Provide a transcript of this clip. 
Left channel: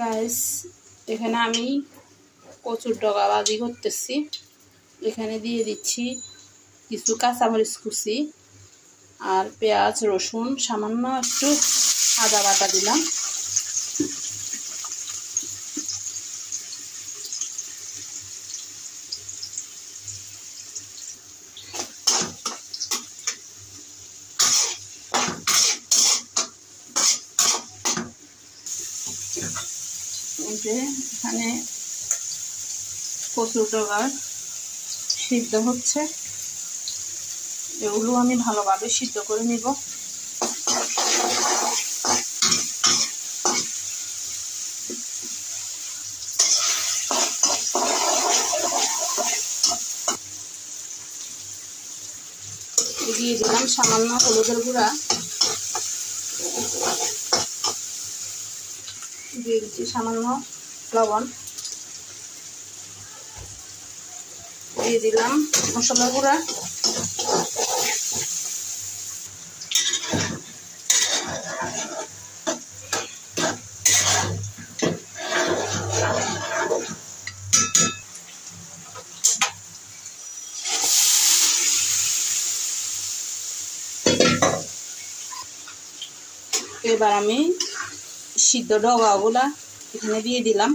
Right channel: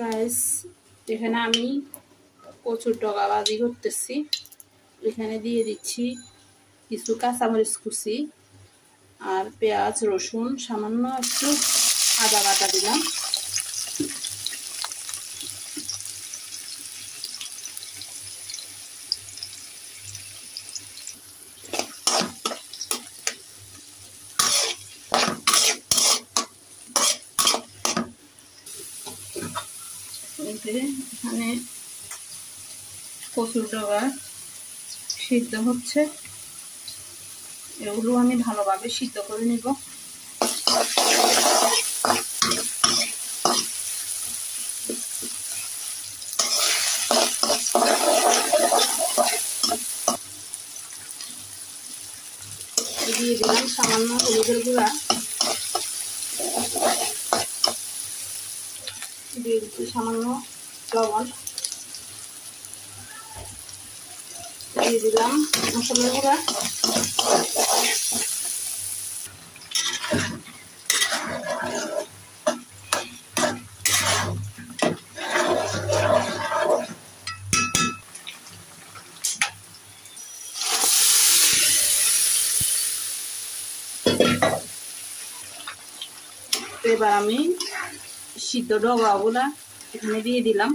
Guys, এখানে আমি কচুর ডগা ভাজি করতেছি। এখানে দিয়ে দিচ্ছি কিছু কাঁচামরিচ কুচি আর পেঁয়াজ, রসুন, সামান্য একটু আদা বাটা দিলাম। এখানে কচুর ডগা সিদ্ধ হচ্ছে, এগুলো আমি ভালোভাবে সিদ্ধ করে নিব। দিয়ে দিলাম সামান্য হলুদের গুঁড়া, দিয়ে দিচ্ছি সামান্য লবণ, দিয়ে দিলাম মশলার গুঁড়া, এবার আমি সিদ্ধ ডগাগুলা এখানে দিয়ে দিলাম।